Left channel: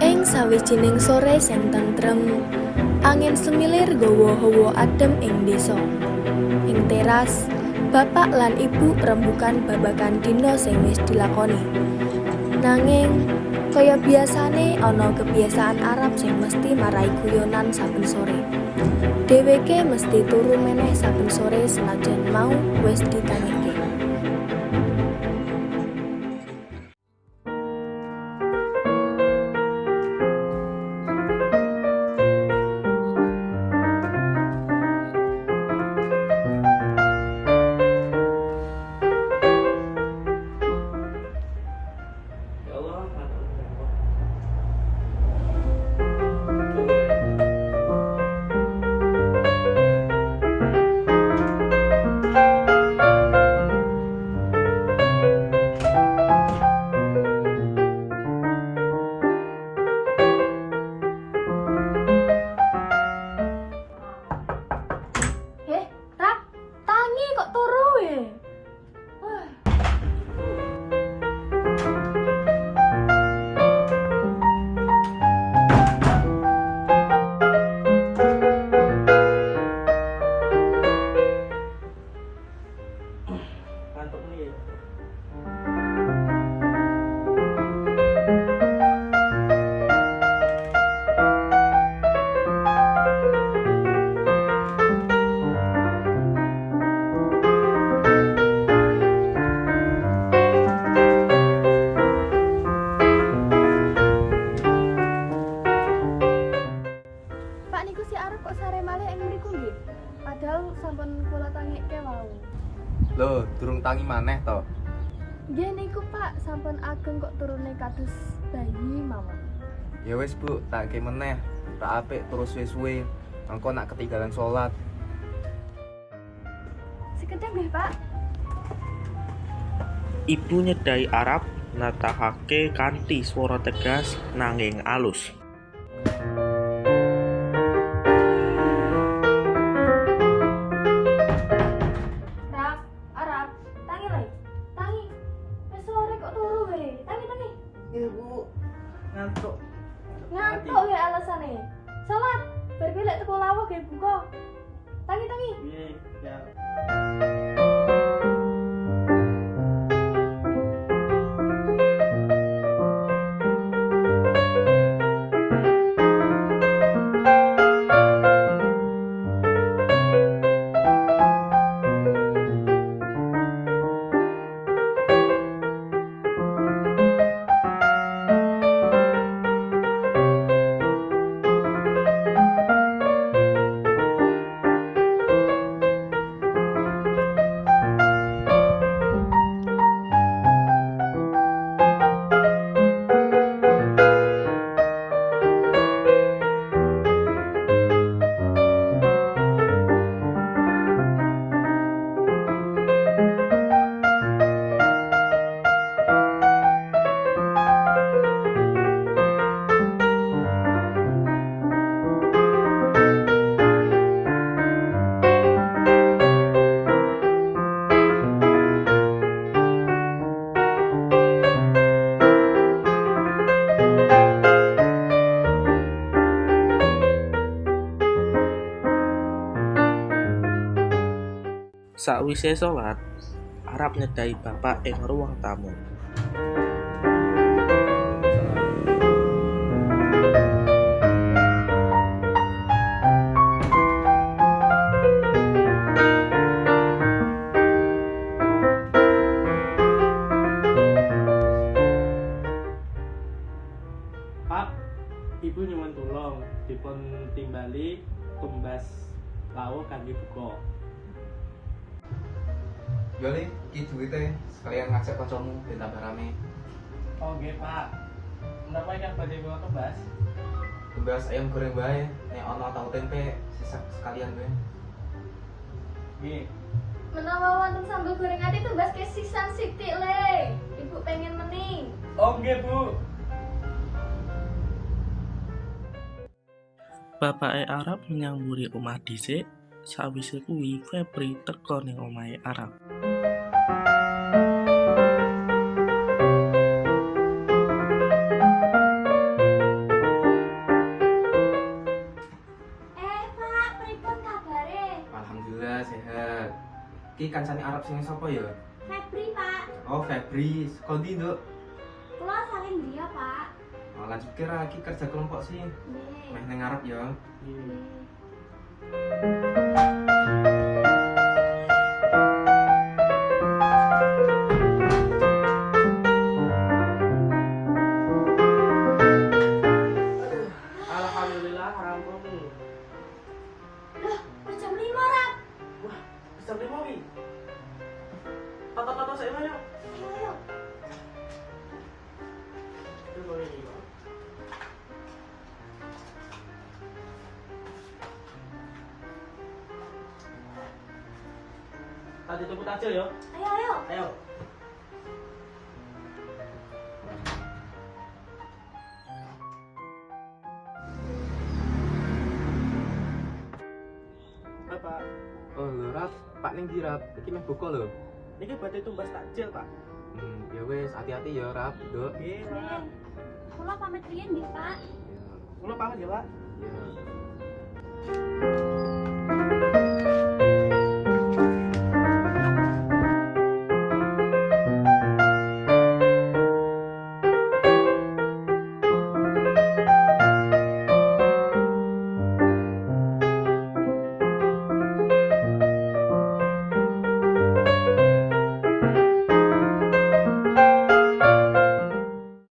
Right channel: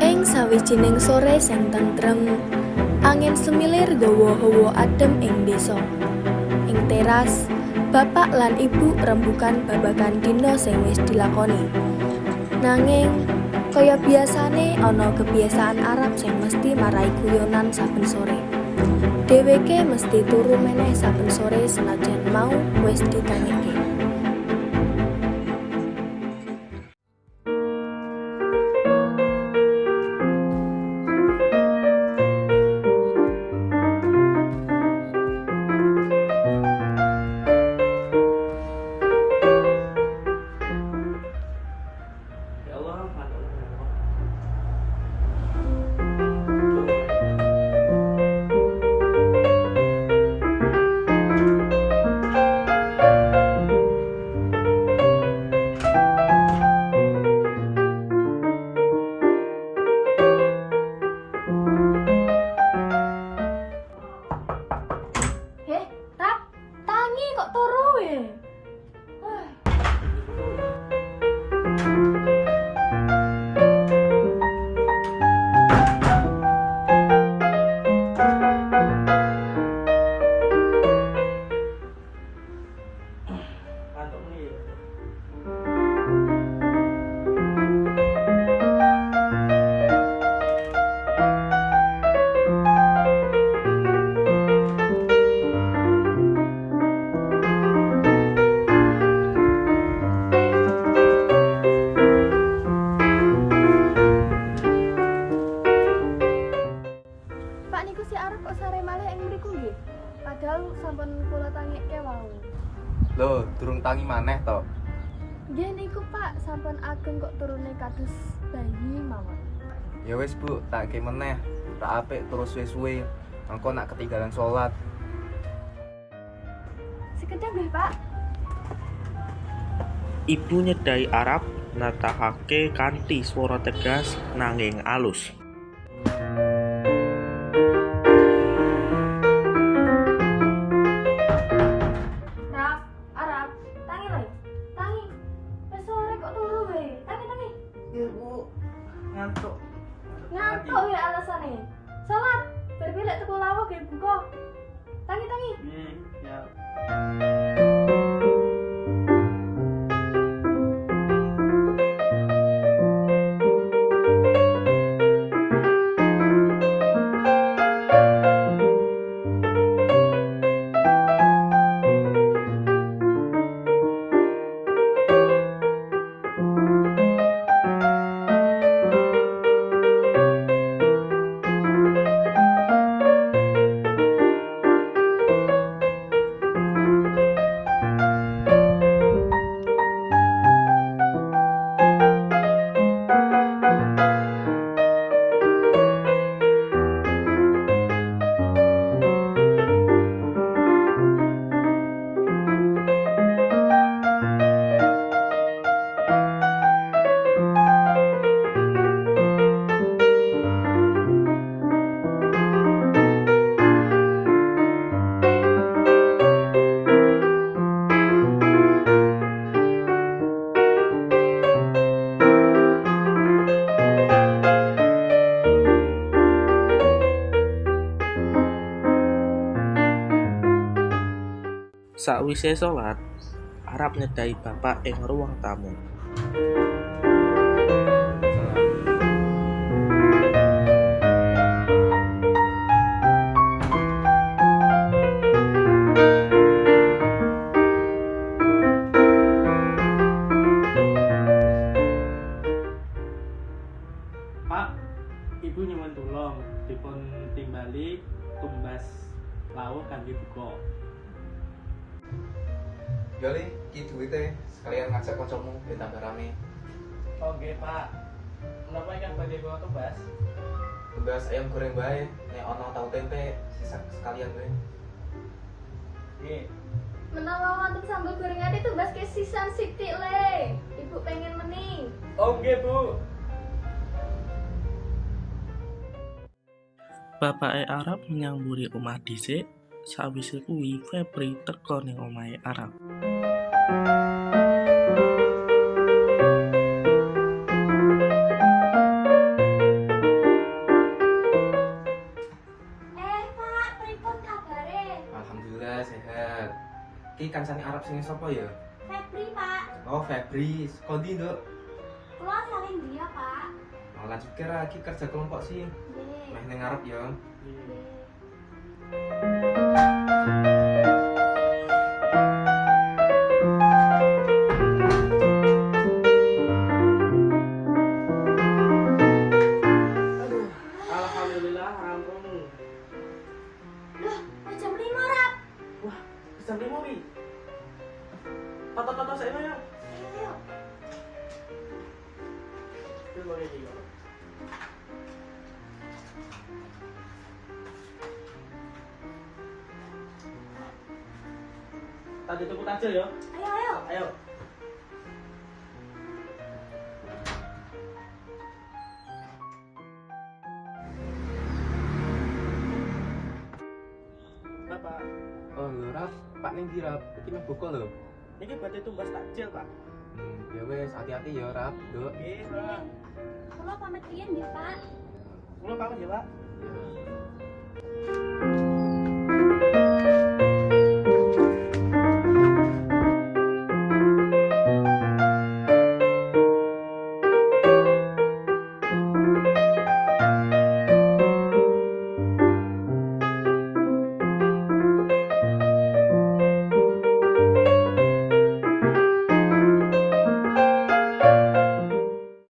Ing sawijining sore sing tentrem, angin semilir gawa hawa adem ing desa. Ing teras, bapak lan ibu rembugan babagan dina sing wis dilakoni. Nanging kaya biasane ana kebiasaan Arab sing mesti marai guyonan saben sore. Dheweke mesti turu meneh saben sore senajan mau wis ditangike. Ya Allah, mantap. Heh, Rap, tangi kok turu ya? Ngantuk nih. Pak niku si Arab kok sare malih ing mriku nggih? Padahal sampun kula tangike wau. Loh, durung tangi maneh to. Nggih niku Pak, sampun ageng kok turune kados bayi mawon. Ya wis Bu, tak ke meneh. Tak apik terus suwe-suwe. Engko nak ketinggalan salat. Sekejap nggih Pak. Ibu nyedai Arab natahake kanthi swara tegas nanging alus. Rap, Arab, tangi lho. Tangi. Wis sore kok turu we. Tangi. Ibu ngantuk. Ngantuk ya alasane. Salat, bar bilek teko lawuh ge buka. Tangi. Iya, ya. Sakwise salat, Arab nyedai bapak ing ruang tamu. Pak, Ibu nyuwun tulung dipun timbali tumbas lawuh kangge buka. Yo Le, iki duwite sekalian ngajak kancamu ben tambah rame. Oh nggih, Pak. Menapa ingkang badhe bawa tumbas? Tumbas ayam goreng bae, nek ana tahu tempe sisa sekalian wae. Nggih. Menawa wonten sambal gorengan itu mbas ke sisan sithik le. Ibu pengen meni. Oh nggih, Bu. Bapake Arab nyamburi omah dhisik, sawise kuwi Febri teka ning omahe Arab. Ki kancane Arab sing sapa ya? Febri, Pak. Oh, Febri. Kondi, Nduk. Kula saling dia, Pak. Oh, lanjut kira iki kerja kelompok sih. Nggih. Meh ning Arab ya. Nggih. Alhamdulillah rampung. Loh, jam 5, Rap. Wah, bisa beli wi. Foto-foto saya mana? Ayo. Itu boleh nih. Tadi tunggu tajil yo. Ayo, ayo. Ayo. Bapak, Oh, lho, Rap. Pak ning ndi, Rap? Iki meh buka lho. ini berarti tumbas takjil, Pak. Ya wes, hati-hati ya, Rap, Nduk. Oke, Pak. Kula pamit riyen nggih, Pak. Ya. Kulo pamit ya, Pak. Ya.